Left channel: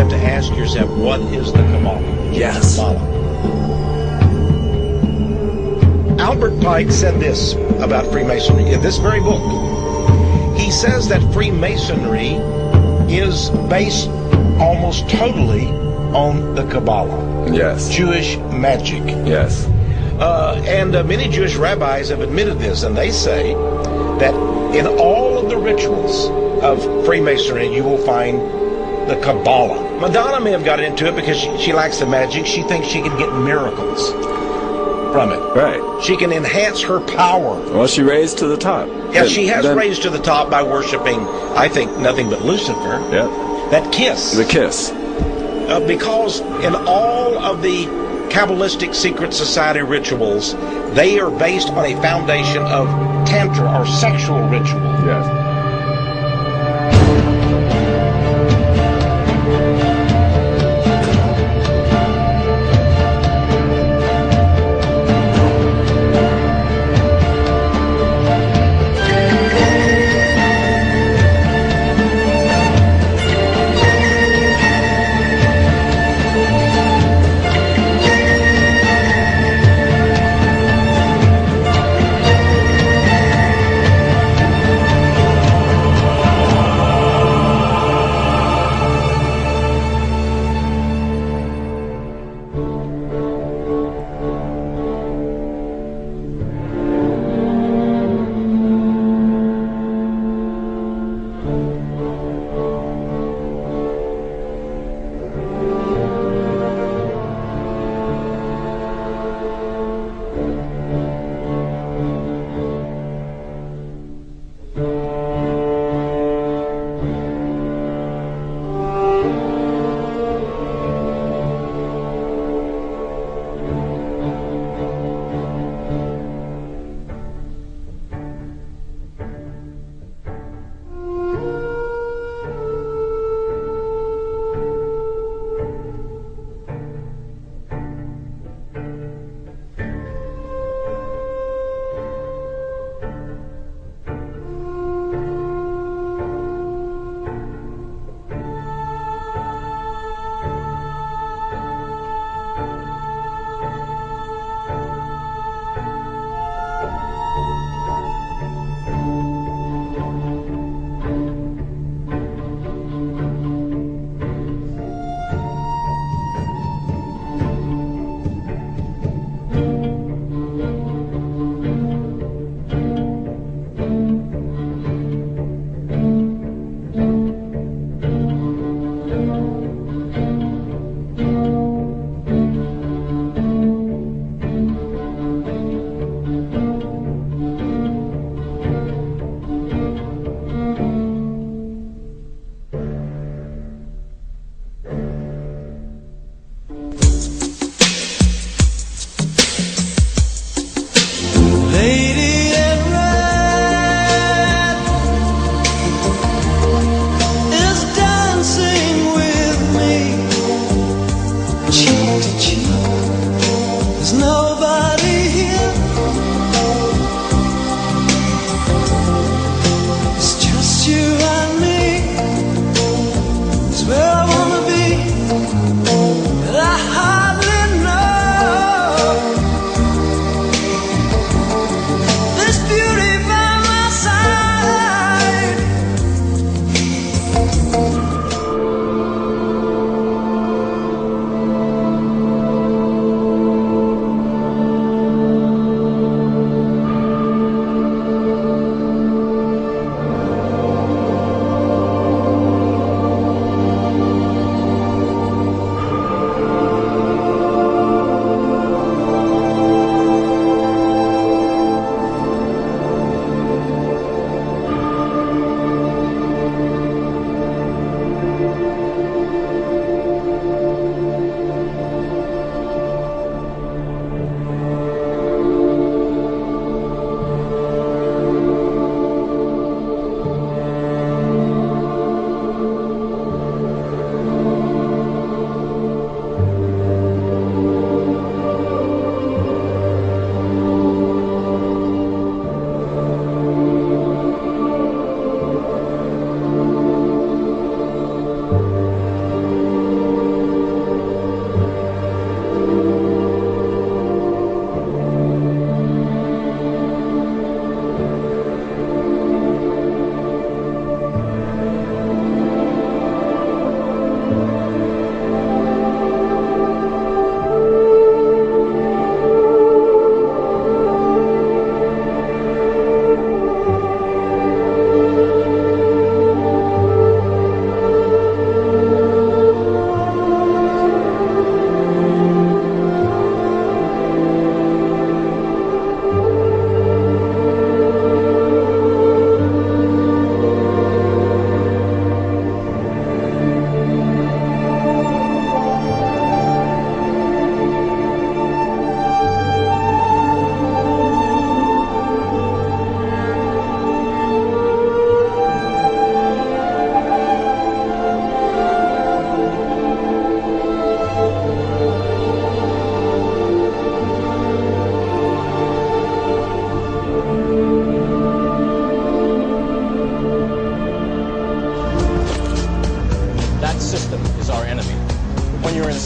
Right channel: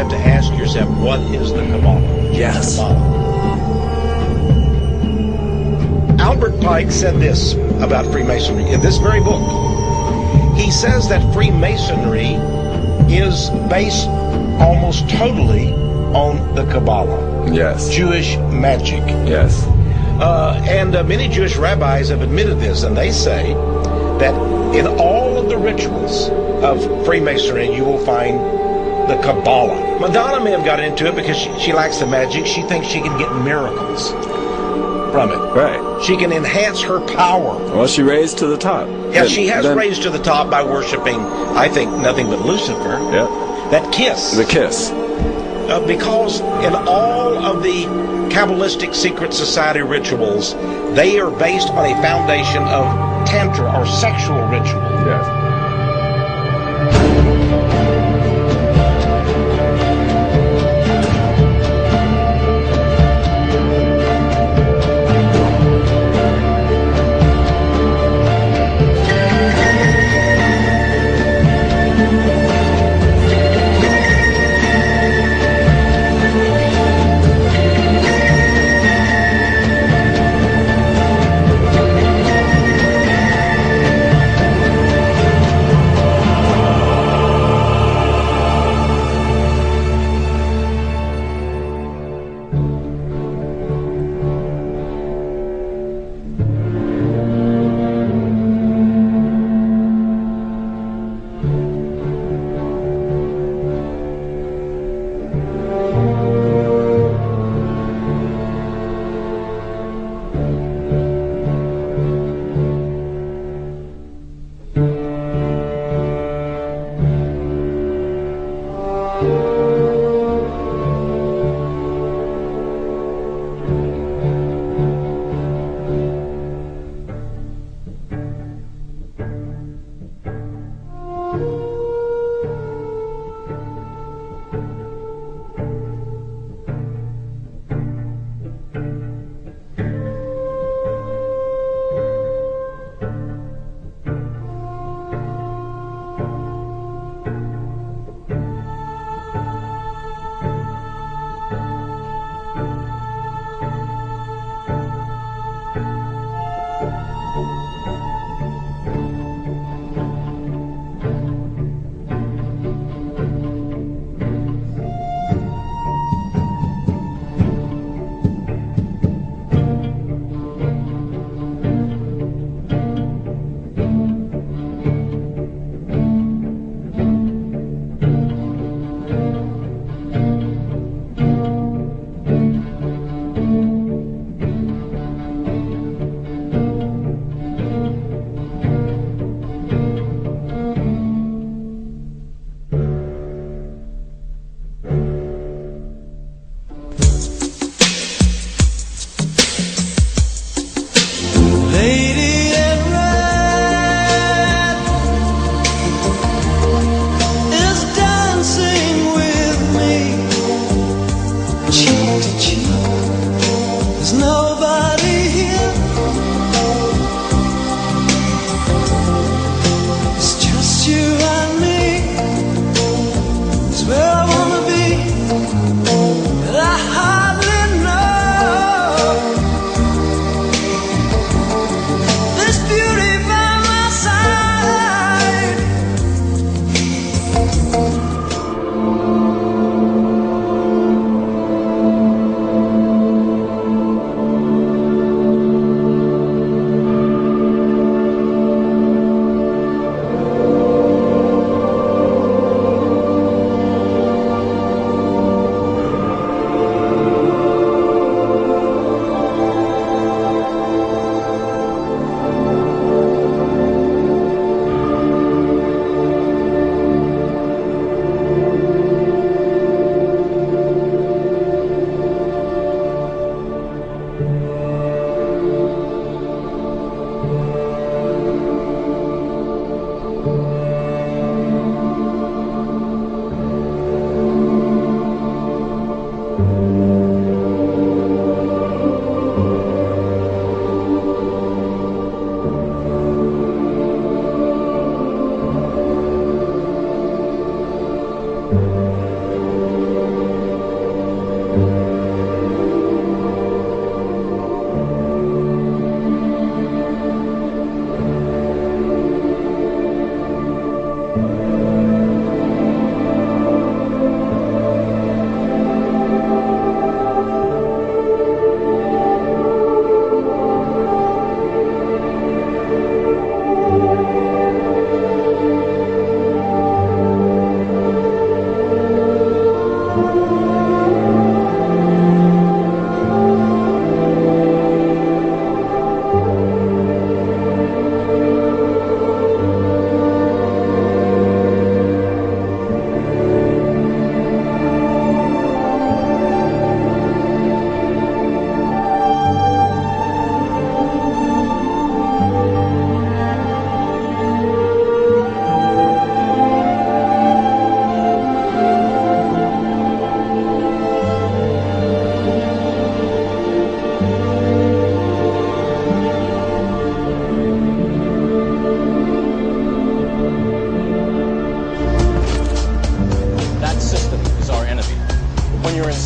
have to ask yourself, what is the Kabbalah? Yes. Kabbalah. Albert Pike said this about Freemasonry in this very book. He says that Freemasonry is based almost totally on the Kabbalah. Yes. Jewish magic. Yes. And many Jewish rabbis have admitted this, and they say that in all of the rituals of Freemasonry, you will find the Kabbalah. Madonna may have gotten into it because she likes the magic. She thinks she can get miracles from it. Right. She can enhance her power. Well, she raised to the top. Yeah, she has raised to the top by worshiping, I think, nothing but Lucifer. Yeah. That kiss. The kiss. Because in all of the Kabbalistic secret society rituals, they are based on a foundation of tantra or sexual ritual. Yes.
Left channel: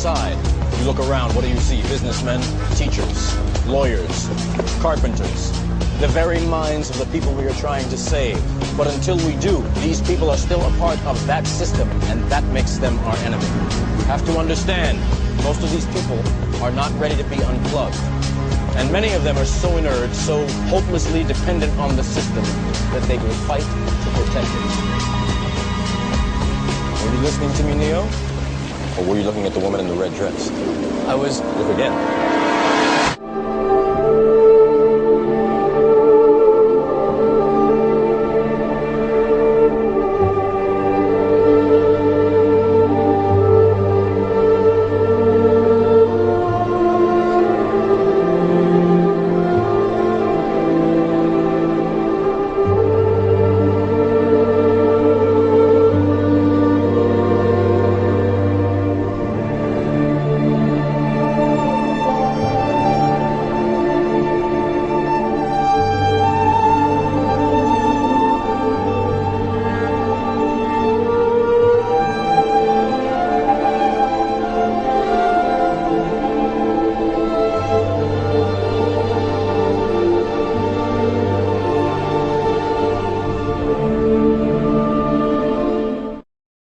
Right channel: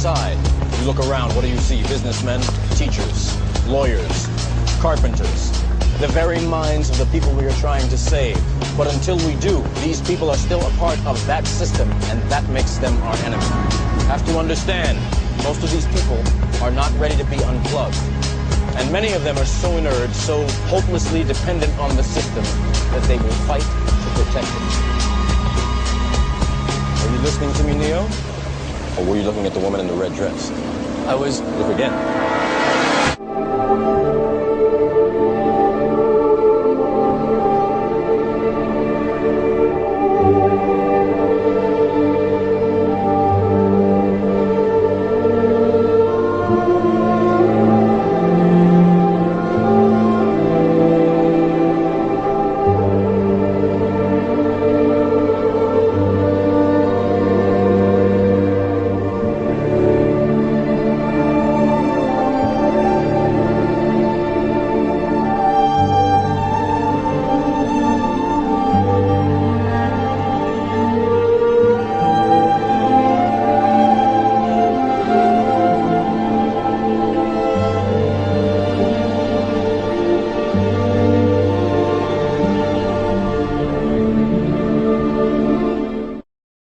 inside. You look around, what do you see? Businessmen, teachers, lawyers, carpenters, the very minds of the people we are trying to save. But until we do, these people are still a part of that system, and that makes them our enemy. You have to understand, most of these people are not ready to be unplugged. And many of them are so inert, so hopelessly dependent on the system, that they will fight to protect it. Were you listening to me, Neo? Or were you looking at the woman in the red dress? I was... Look again.